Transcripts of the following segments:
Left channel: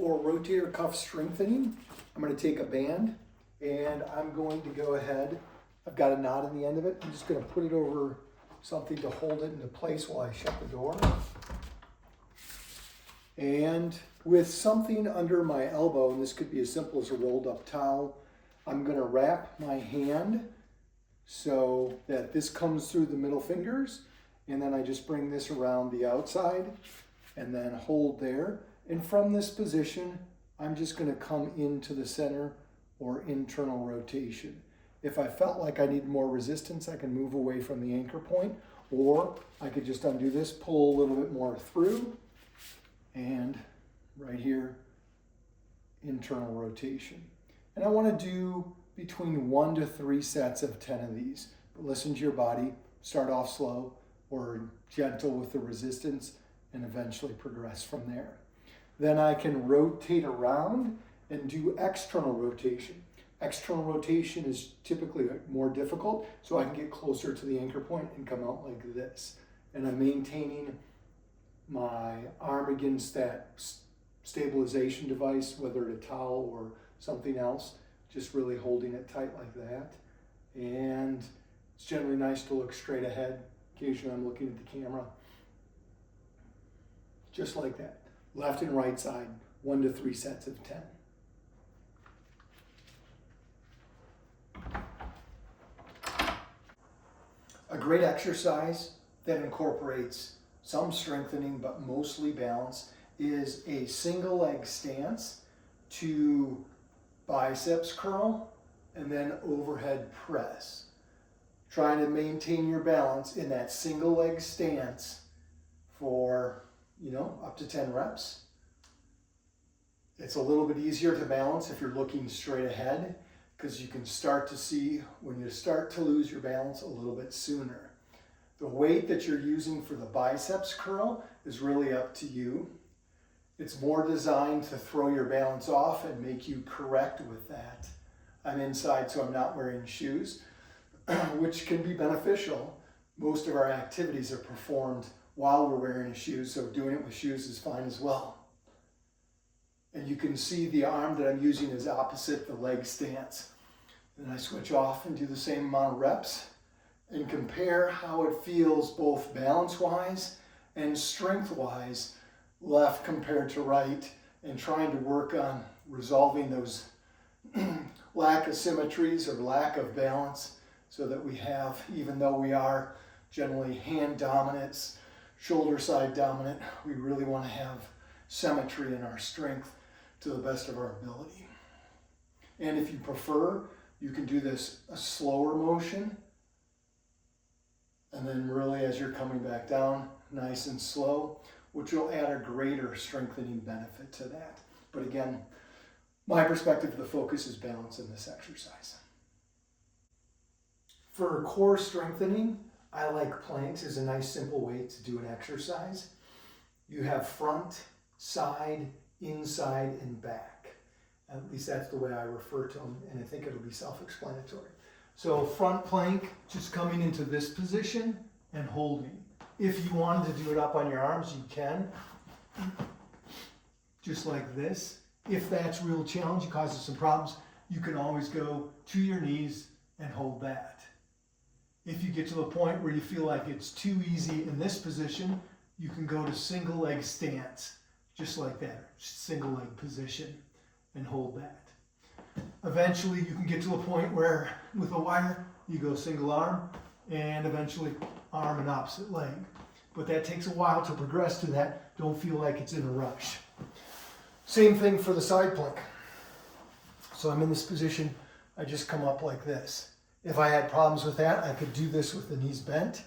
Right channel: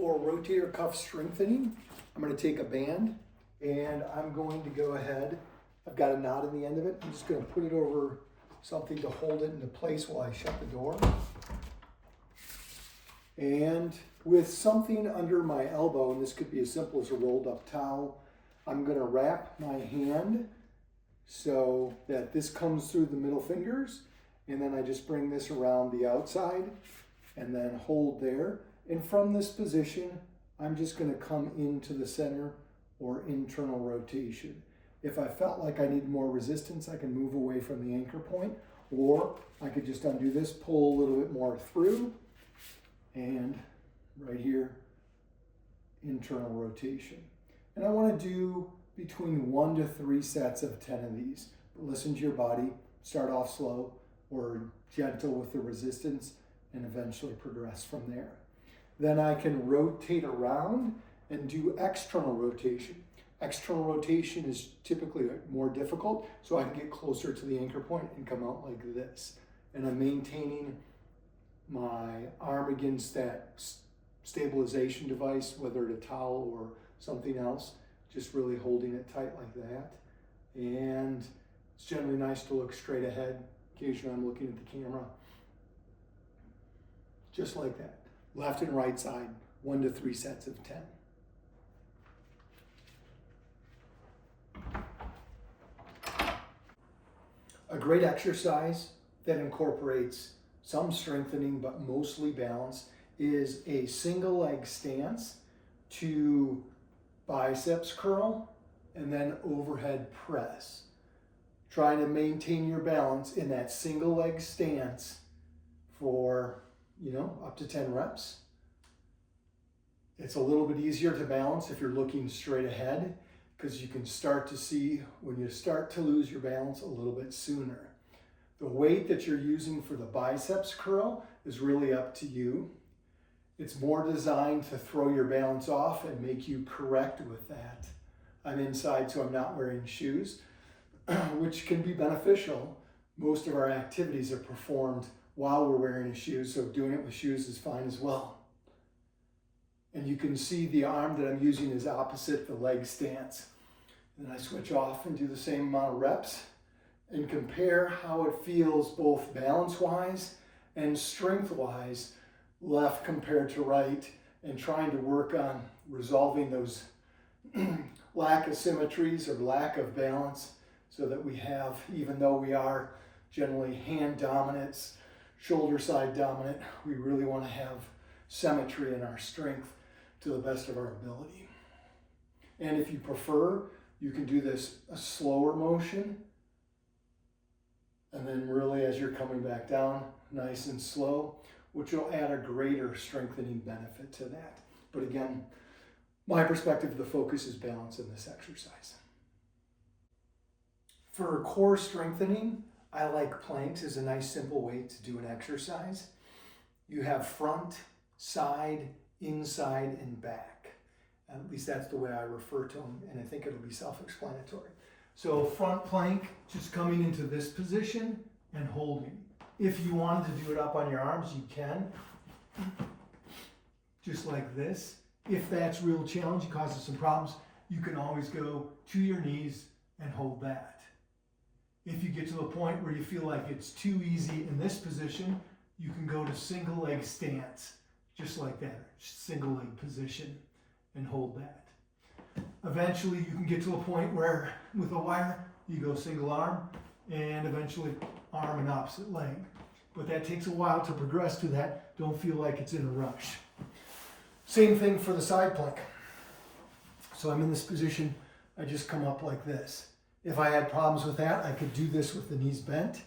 For rotator cuff strengthening, I'm going to take a band and I'm going to go ahead. I've got a knot in the end of it. I'm just going to put it over something to hold it into place while I shut the door. And with something under my elbow, and this could be as simple as a rolled up towel, I'm going to wrap my hand so that this comes through the middle fingers, and then I just bring this around the outside and then hold there. And from this position, I'm just going to come into the center or internal rotation. If I felt like I need more resistance, I can move away from the anchor point, or I could just undo this, pull a little bit more through, and right here, internal rotation. And I want to do between 1 to 3 sets of 10 of these. But listen to your body, start off slow or gentle with the resistance, and eventually progress from there. Then I can rotate around and do external rotation. External rotation is typically more difficult, so I can get closer to the anchor point and come out like this. And I'm maintaining my arm against that stabilization device, whether it's a towel or something else, just really holding it tight like that. And it's generally nice to look straight ahead. Occasionally I'm looking at the camera. Just like that. Left and right side, 1 to 3 sets of 10. A great exercise that incorporates some strengthening but mostly balance is a single leg stance to biceps curl and then overhead press. Trying to maintain your balance in that single leg stance for up to 10 reps. It's a little bit easier to balance if you're looking straight ahead, because you can start to see when you start to lose your balance a little bit sooner. The weight that you're using for the biceps curl is really up to you. It's more designed to throw your balance off and make you correct with that. I'm inside, so I'm not wearing shoes, which can be beneficial. Most of our activities are performed while we're wearing shoes, so doing it with shoes is fine as well. And you can see the arm that I'm using is opposite the leg stance. Then I switch off and do the same amount of reps and compare how it feels both balance-wise and strength-wise, left compared to right, and trying to work on resolving those lack of symmetries or lack of balance, so that we have, even though we are generally hand dominant, shoulder side dominant, we really want to have symmetry in our strength to the best of our ability. And if you prefer, you can do this a slower motion, and then really as you're coming back down, nice and slow, which will add a greater strengthening benefit to that. But again, my perspective, the focus is balance in this exercise. For core strengthening, I like planks as a nice simple way to do an exercise. You have front, side, inside, and back. At least that's the way I refer to them, and I think it'll be self-explanatory. So front plank, just coming into this position and holding. If you wanted to do it up on your arms, you can. Just like this. If that's real challenge, it causes some problems, you can always go to your knees and hold that. If you get to the point where you feel like it's too easy in this position, you can go to single leg stance, just like that, single leg position, and hold that. Eventually you can get to a point where with a wire, you go single arm, and eventually arm and opposite leg. But that takes a while to progress to that. Don't feel like it's in a rush. Same thing for the side plank. So I'm in this position, I just come up like this. If I had problems with that, I could do this with the knees bent,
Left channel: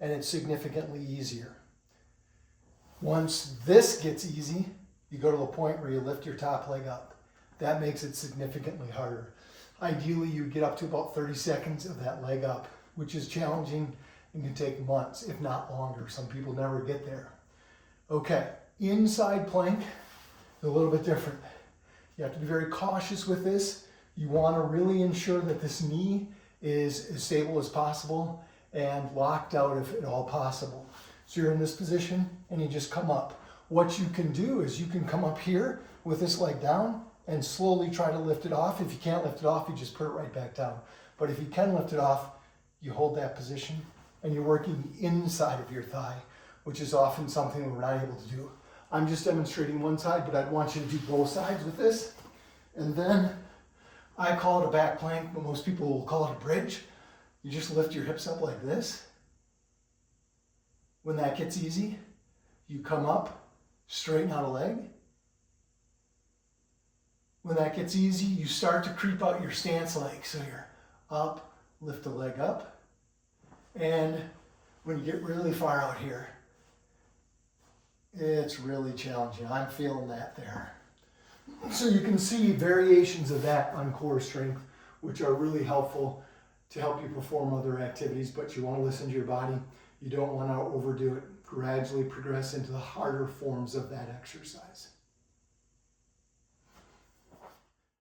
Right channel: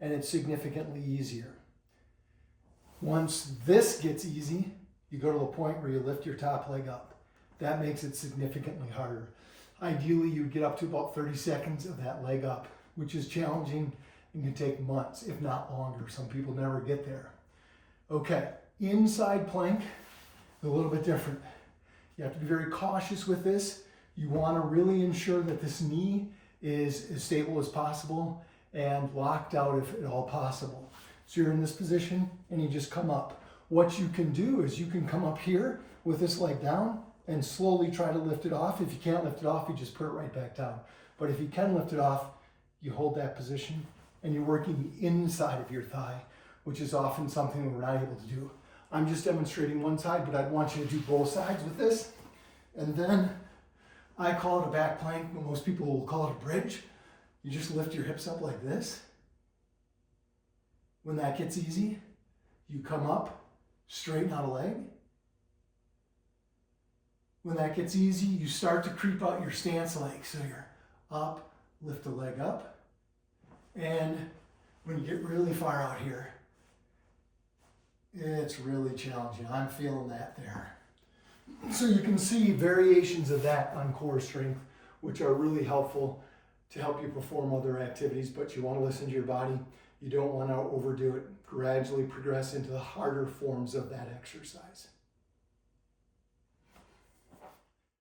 and it's significantly easier. Once this gets easy, you go to the point where you lift your top leg up. That makes it significantly harder. Ideally, you get up to about 30 seconds of that leg up, which is challenging and can take months, if not longer. Some people never get there. Okay, inside plank is a little bit different. You have to be very cautious with this. You want to really ensure that this knee is as stable as possible and locked out if at all possible. So you're in this position and you just come up. what you can do is you can come up here with this leg down and slowly try to lift it off. If you can't lift it off, you just put it right back down. But if you can lift it off, you hold that position and you're working the inside of your thigh, which is often something we're not able to do. I'm just demonstrating one side, but I'd want you to do both sides with this. And then I call it a back plank, but most people will call it a bridge. You just lift your hips up like this. When that gets easy, you come up, straighten out a leg. When that gets easy, you start to creep out your stance leg. So you're up, lift the leg up. And when you get really far out here, it's really challenging. I'm feeling that there. So you can see variations of that on core strength, which are really helpful to help you perform other activities, but you want to listen to your body. You don't want to overdo it. Gradually progress into the harder forms of that exercise.